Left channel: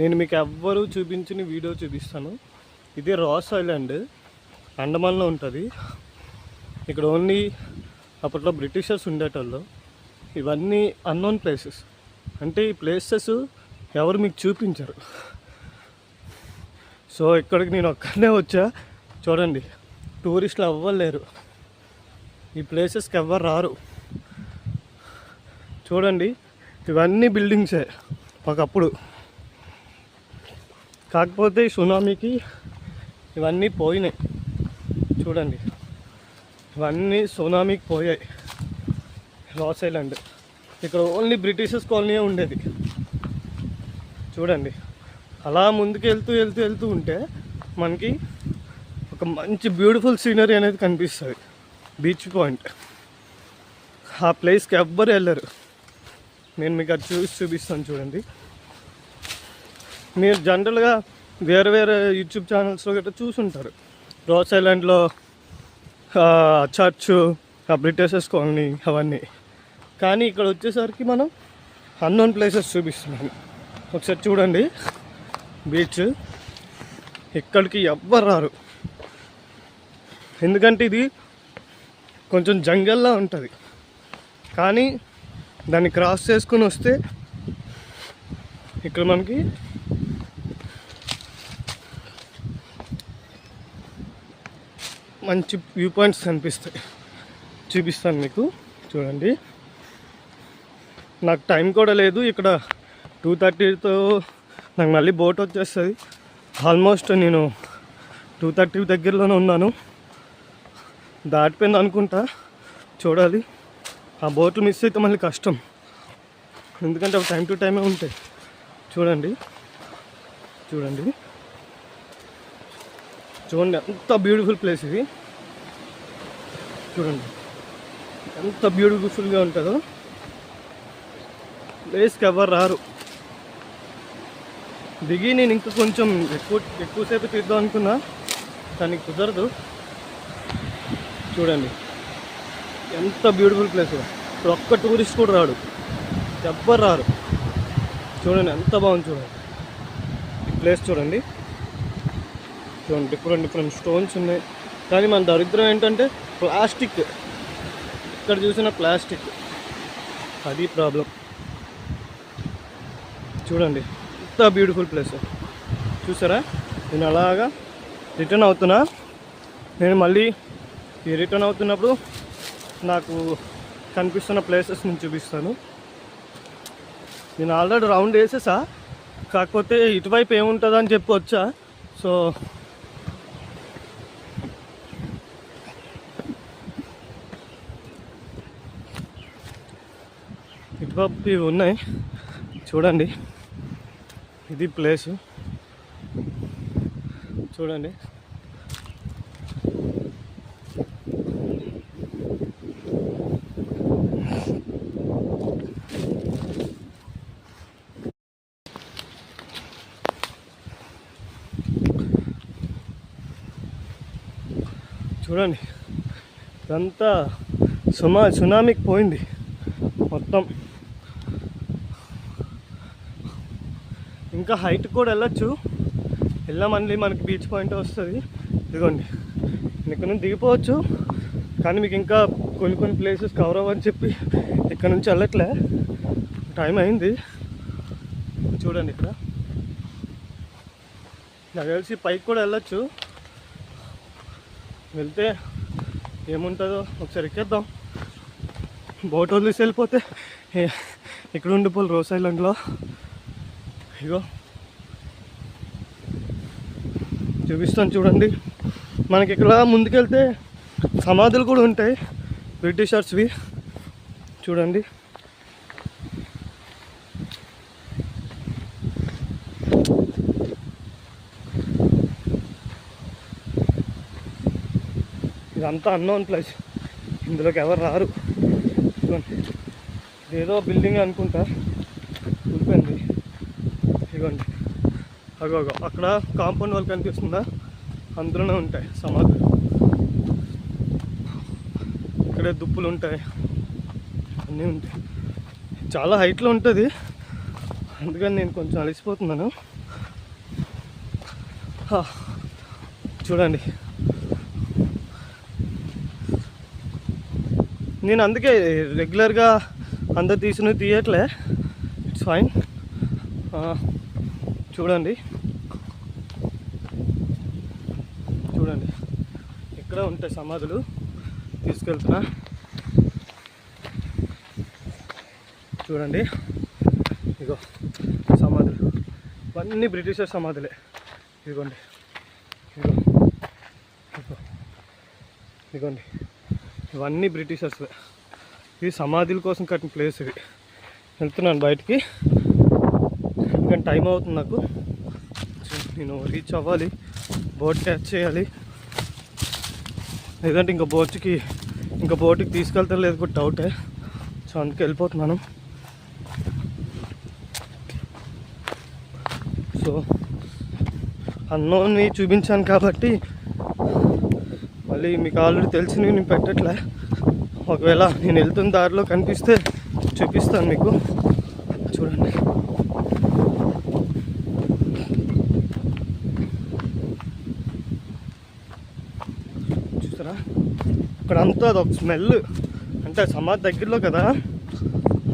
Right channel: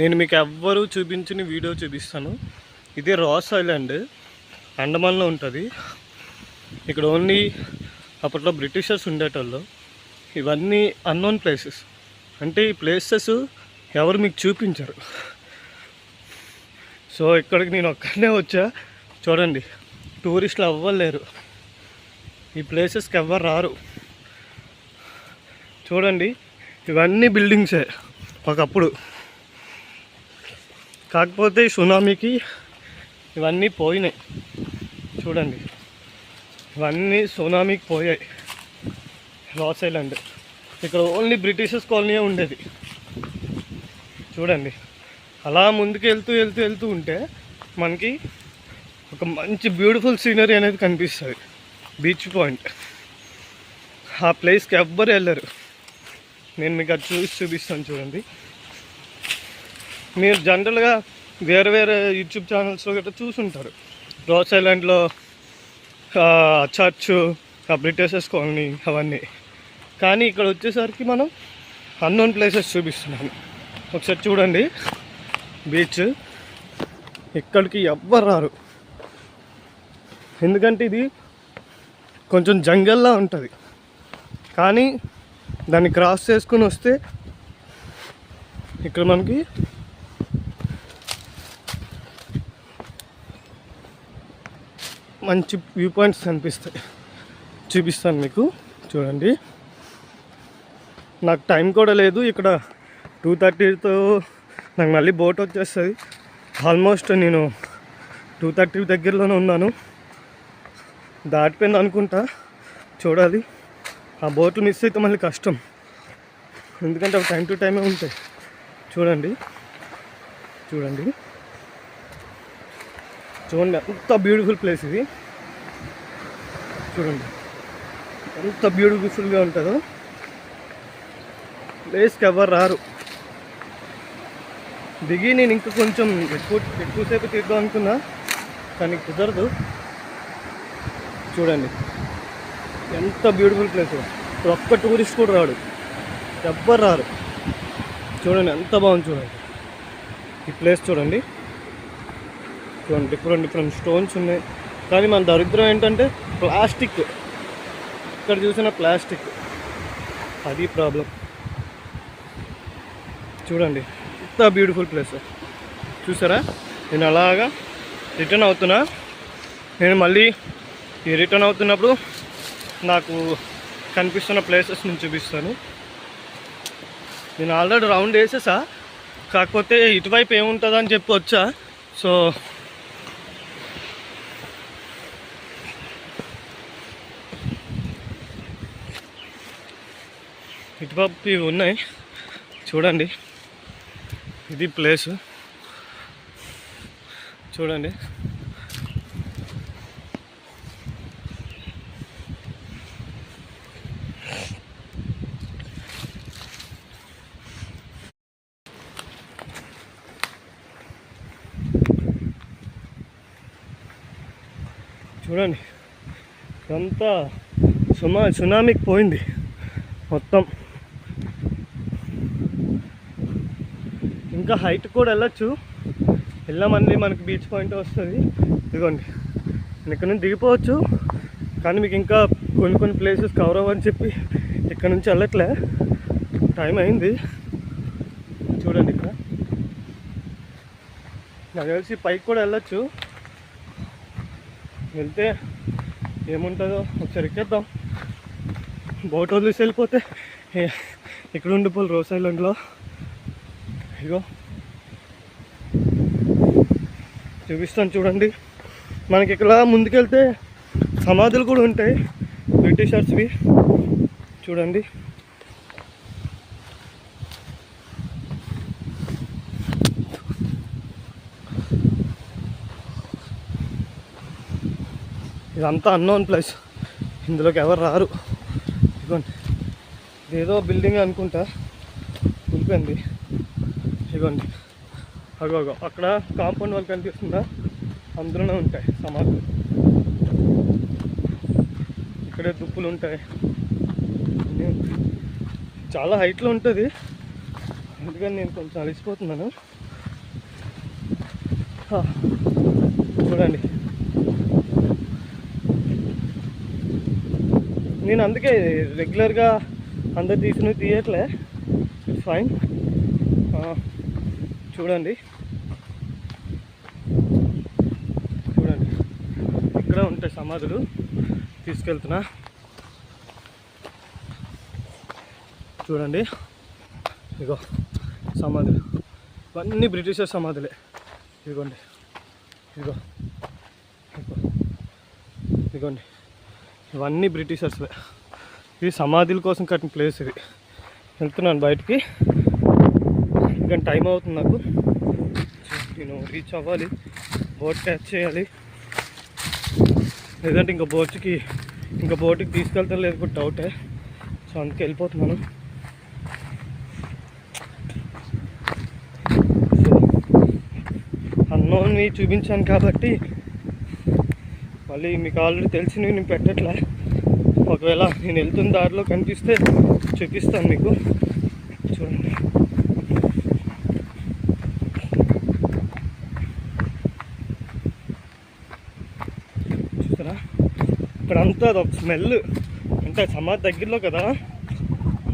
నేను మీకు ఎవ్వరూ చూపించిన వీడియో చూపిస్తాను. ఇది రాస్ ఐలాండ్, అండమాన్లో ఉంటుంది. ఇక్కడ ఓన్లీ అప్పట్లో బ్రిటిషర్స్ ఉండేటోళ్ళు. ఇవన్నీ అన్నోన్ ప్లేసెస్, అంటే ఈ ప్లేసెస్ ఎవరు మీకు చూపించరు. సో ఇక్కడికి నేను ఒక్కనే వచ్చా. చూడండి, టూరిస్టులు ఎవ్వరు ఈ ప్లేసెస్కి ఎవ్వరు రారు. చూడండి, ఇవన్నీ బిల్డింగ్సే ఒకప్పుడు. కాకపోతే సునామీకి ఇవన్నీ పోయినాయి. చూడండి, ఇవన్నీ సునామీకి పోయాయి. రాస్ ఐలాండ్ ఇక్కడ ఓన్లీ బ్రిటిషర్స్ కాలనీ ఉండేది. చూడండి, అలా ముందుకు వెళ్తూ ఉంటే మనకి ఒక మంచి బ్యూటిఫుల్ సీనరీ అనేది కనిపిస్తుంది. బీచ్ పాయింట్, ఆ ప్లేస్కి ఎవ్వరు వెళ్ళరు. నేను మీకు అది చూపిస్తాను. చూడండి, మీరు జనరల్గా వేరే యూట్యూబ్ ఛానల్స్లో గట్రా చూసుంటారు. రాస్ ఐలాండ్లో చర్చ్, బ్రిటిషర్స్ కాలనీ అవన్నీ. కానీ ఇక్కడ వచ్చేసరికి మనం అన్నోన్ ప్లేసెస్ చూపిస్తున్నాను. ఒకసారి చూడండి, బీచ్ ఇక్కడికి ఎవ్వరు రారు. ఎందుకంటే ఇది కొంచెం జంగల్లా ఉంటుంది. కానీ దాన్ని క్రాస్ చేసుకుని వస్తే ఇక్కడ మనకి మంచి వ్యూ పాయింట్స్ కనిపిస్తాయి. చూపిస్తాను మీకు. చూడండి, నాకు టైం కూడా లేదు. ఇక్కడ 2:30తో నాకు మళ్ళీ బోట్ వచ్చేస్తుంది. ఆల్మోస్ట్ నేను 2:30 దగ్గరలోనే ఉన్నాను. దాటిపోయింది అనుకుంటా. చూడాలి, ఆ బోటు మిస్ అయితే మళ్ళీ కష్టం. ఎందుకంటే అవి టైం టు టైమే ఉంటాయి. చూడండి చూడండి చూడండి, ఎంత బ్యూటిఫుల్ ప్లేస్ ఇది. చూడండి ఎంత బ్యూటిఫుల్గా ఉంటుందో. ప్లేస్కి ఎవరు రారు. దిగి నేను ఇంకా కొంచెం ఎక్కువసేపు తీద్దాం అనుకున్నా, కానీ కుదరదు. చూడండి ఎంత బ్యూటిఫుల్ ప్లేస్. ఒక్క టూరిస్ట్ కూడా రాడు, ఎవ్వరు రారు. చూడండి ఎంత బాగుంది. చూడండి ఈ ప్లేస్. చూడండి డిఫరెంట్ స్టోన్స్ ఉన్నాయి. కానీ మన దరిద్రం ఏంటంటే ప్లాస్టిక్. ఇక్కడ చూసిన ప్లాస్టిక్, అది ప్రాబ్లం. చూడండి ఎంత బ్యూటిఫుల్ ప్లేస్. చూసారా, నేను అలాగా రిటర్న్ అవుతున్నా. నేను మళ్ళీ ఈ రిటర్న్ అవుతున్నప్పుడు నాకు కనిపిస్తున్న ప్లేసెస్ నేను చూపిస్తాను. నేను ఆల్రెడీ రౌండ్ వేసేసా, కాకపోతే ఇటువైపు ఏముంటుందని చెప్పి వచ్చా. సో ఇటువైపు ఇవి ఉన్నాయి. చూడండి, ఇది ప్లేస్. చూడండి చూడండి ఇదంతా సునామీకి పోయింది మొత్తం. ఇంకా హైట్ కూడా వెళ్ళచ్చు. వెళ్ళామని మనకి బీచ్ పాయింట్ వస్తుంది. ఇదిగోండి, నేను ఇక్కడ నుంచి దిగిపోవచ్చు. కానీ మీకు ఇంకా కొన్ని ప్లేసెస్ కవర్ అవ్వని చెప్పి ఇక్కడ నుంచి వెళ్ళట్లే. టైం అయింది. చూడండి, ఇక్కడ నాకు తెలిసి పైకి కూడా వెళ్ళచ్చు. వెళ్తే ఏముంటుందో ఒకసారి ఎక్కేద్దాం. బోట్ వదిలేసి వెళ్ళిపోతే ఇక్కడ ఉండిపోవాలి రాస్ ఐలాండ్లో. ఇగో చూపిస్తాను. చూడండి, మనకి ఇక్కడ ముందుకెళ్తే సమాధులు కూడా ఉంటాయి బ్రిటిషర్స్వి. చూడండి ఇదంతా అన్నోన్ ప్లేస్. ఇందులోకి ఎవరు రారు. ఇదేదో బిల్డింగ్ అనుకుంటా, ఉండిపోయింది. ఇదిగోండి, అగో అక్కడ కాంపౌండ్ వాళ్ళు కనిపిస్తుందా, అందులోనే ఉంటాయి సమాధులు. ఇక్కడే దుప్పులు ఉంటాయి, అన్నీ ఉంటాయి. చాలా హైట్లో ఉంటుంది, అందుకని నేను కొంచెం అలసిపోతున్నాను. చూడండి, నేను అందుకే రెగ్యులర్గా అందరు తీయట్లే. It's fine. చూడండి చూడండి, ఇక్కడ ఉంటాయి సమాధులు. తీసుకెళ్తున్నా, చూడండి. ఇగో సమాధులు, ఇవన్నీ బ్రిటిషర్ సమాధులే. ఇదిగోండి, ఇదిగో ఇదిగో ఇదిగోండి, ఇవన్నీ బ్రిటిషర్స్వే. ఈ సమాధుల కోసం కట్టిన ప్లేస్ ఇది. వెళ్తున్నాను బయటికి, ఇంకా టైం అవుతుంది నాకు. నేను రీచ్ అవ్వాలి, బోట్ క్యాచ్ చేయాలి. లేదంటే ఇంకా బోట్కి తీసుకెళ్తారు లేదు కూడా డౌటే. సో అందుకే వెళ్ళిపోతున్నాను. సో అన్నోని చూపించాను కాబట్టి మళ్ళీ మీకు ఆల్రెడీ తెలిసినవి నేను పెట్టట్లే. ఒకవేళ నేను వెళ్తున్న దారిలో కనిపిస్తే చూపిస్తాను మీకు. చూడండి, చూసారా ఇక్కడంతా అదొక స్మెల్. అంటే సమాధి దగ్గరలో కదా,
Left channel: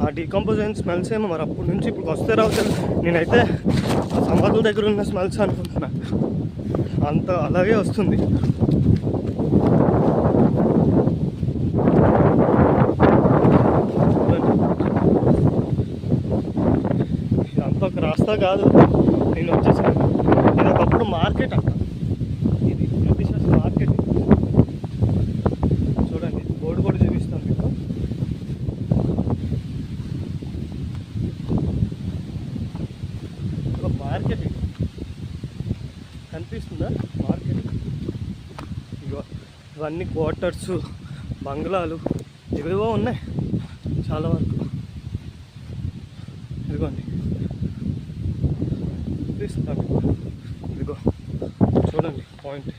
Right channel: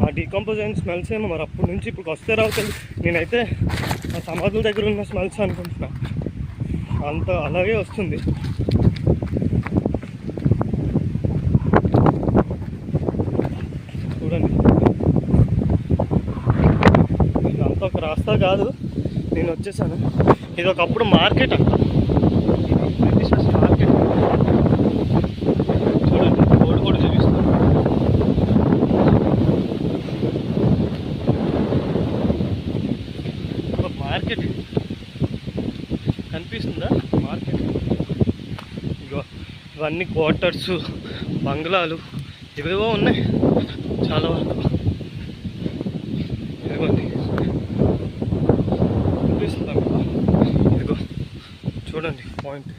ఆ డీకంపోజ్ అయిన స్మెల్స్ ఏమో మరి అప్పటి నుంచి ఇప్పుడు వస్తే రావుతుంది. నేనైతే సమాధుల దగ్గర ఉన్న స్మెల్స్ అనుకుంటున్నా, అంత అలాగే వస్తుంది. చూడండి, ఇదంతా ఒక రాస్తా కాదు, నేను వచ్చేసాను. ఇది ఒకప్పుడు మార్కెట్ అంట, ఇది బ్రిటిషర్స్ మార్కెట్. చూడండి, బోర్డు కూడా చూపిస్తాను. ఒక మార్కెట్ ఇది కనిపిస్తుందా? మార్కెట్. ఇగో ఇవన్నీ క్వార్టర్స్, బంగ్లాలు ఇవేవో ఉన్నాయి చాలా వరకు. ఇదిగోండి, కనిపిస్తుందా మీకు? ఇదిగో చూడండి పాయింట్.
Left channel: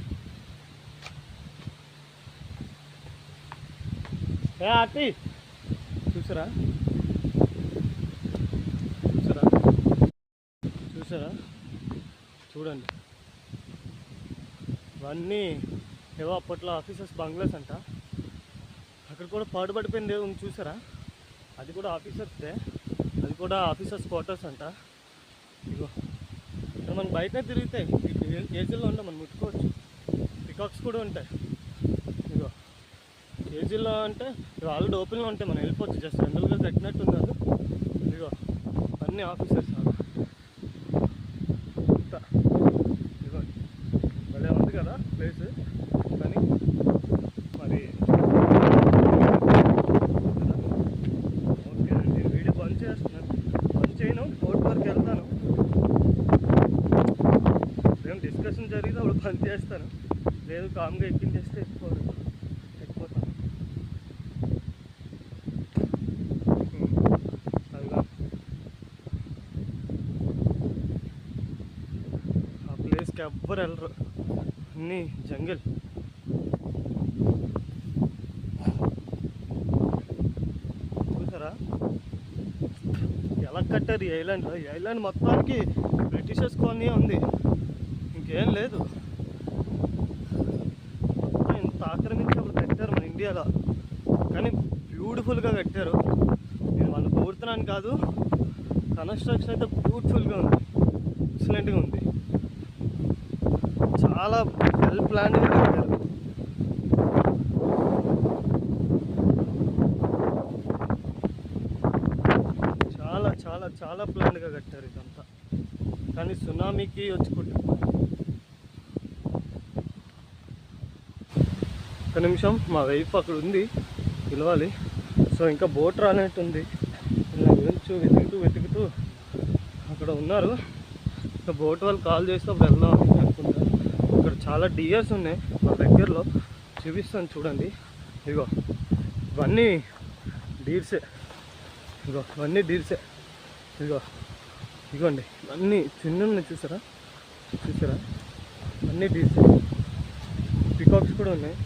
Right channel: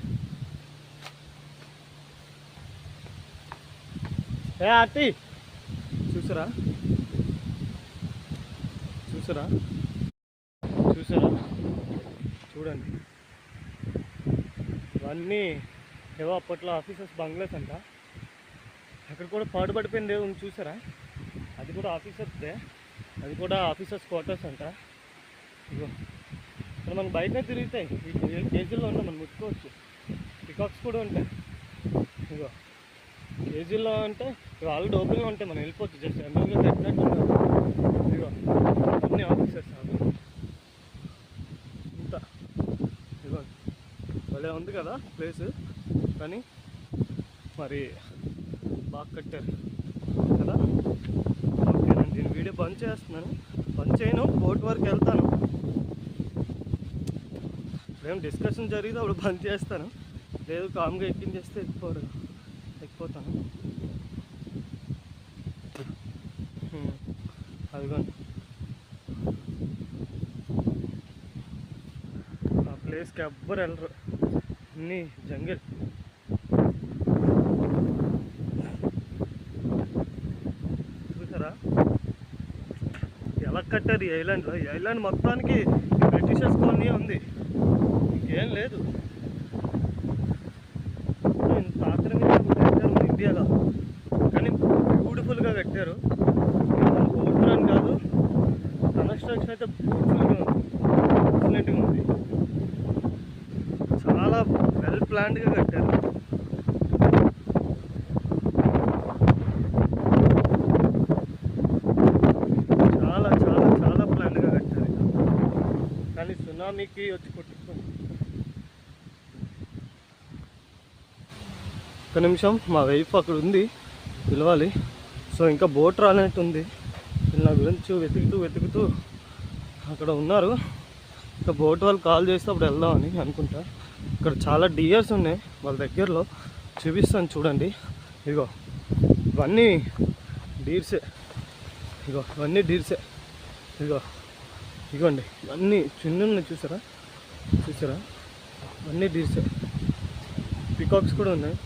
ఆర్తి చూసారా? చూసారా? చూసారా? చూడండి, ఇవన్నీ ఏవో అప్పట్లో ఆఫీసర్స్ బంగ్లాస్ అంట. అక్కడ కూడా పాడుపడిపోయింది ఉంది చూసారా? అది కూడా ఆఫీసర్స్దే, అది కూడా ఆఫీసర్స్ క్వార్టర్స్ అంట. ఇగో ఇక్కడ మనకు బయటనే తిరుగుతాయి, ఈ కేజీల్లో ఉంటాయి, మనం ముట్టుకోవచ్చు. పికాక్స్ కూడా ఉంటాయి. ఇగో కేజీల్లో అంటే ఇవి ఆల్రెడీ ఓపెన్లో ఉంటాయి, మనం వెళ్ళిపోవచ్చు. జస్ట్ జనరల్గా కట్టినట్టు ఉన్నారు. ఇగో అన్నీ ఆఫీసర్స్ అంతా. ఇగో భలే ఉంది కదా ప్లేస్. కానీ మరి కదా, ఓకే, నేను వీడియో బంద్ చేస్తున్నాను. బంద్ చేయను, బోట్ వరకు వెళ్తాను. ఏం డిస్కషన్ జరిగితే అప్పుడు బంద్ చేస్తాను, లేదు కామ్గా ఎక్కించేస్తే ఎక్కిపోతాను. అదిగా ఆ ప్లేస్కి ఎవ్వరు వెళ్ళరు, అన్నీ జంగిల్. చూసారా ఎలా కట్టారు ఈ ఐలాండ్? ఈ ఐలాండ్ మొత్తానికి బ్రిటిషర్స్ కాలనీ ఉంది, ఇంకేం లేదు. ఇంత ఆక్రమించి కట్టారు మన ఇండియాలో, కానీ బ్యూటిఫుల్గా కట్టారు. మనం కోరుతున్నాను కాదు, కన్స్ట్రక్షన్ అయితే బ్యూటిఫుల్గా ఉంది, ఎక్సలెంట్గా ఉంది. చాలా వెల్ ప్లాన్డ్గా కట్టారు. చాలా చాలా చాలా ప్లాన్డ్గా కట్టారు ఇదంతా. కానీ సునామీకి వచ్చి ఒక నిమిషం, మా వైఫ్ అక్కడ ఉంది, పిలవాలి. సో ఇంకా బోట్ రానట్టు ఉంది. నా గురించి వెతుకుతూ అక్కడ ఉన్నారు. ఇంకా బోట్ వాళ్ళు కాల్ చేస్తే అప్పుడు వెళ్దామని అనుకుంటా. ఇక్కడ చాలా డియర్స్ ఉన్నాయి వాళ్ళ దగ్గరలో, చూపిస్తాను చూడండి. ఇగో ఇవన్నీ డీర్సే, ఇగో ఇవన్నీ డీర్సే. ఇగోండి ఇవన్నీ చిన్న ఉన్నాయి, చూసారా? ఇవన్నీ డీర్సే. పికాక్స్ కూడా ఉన్నాయి.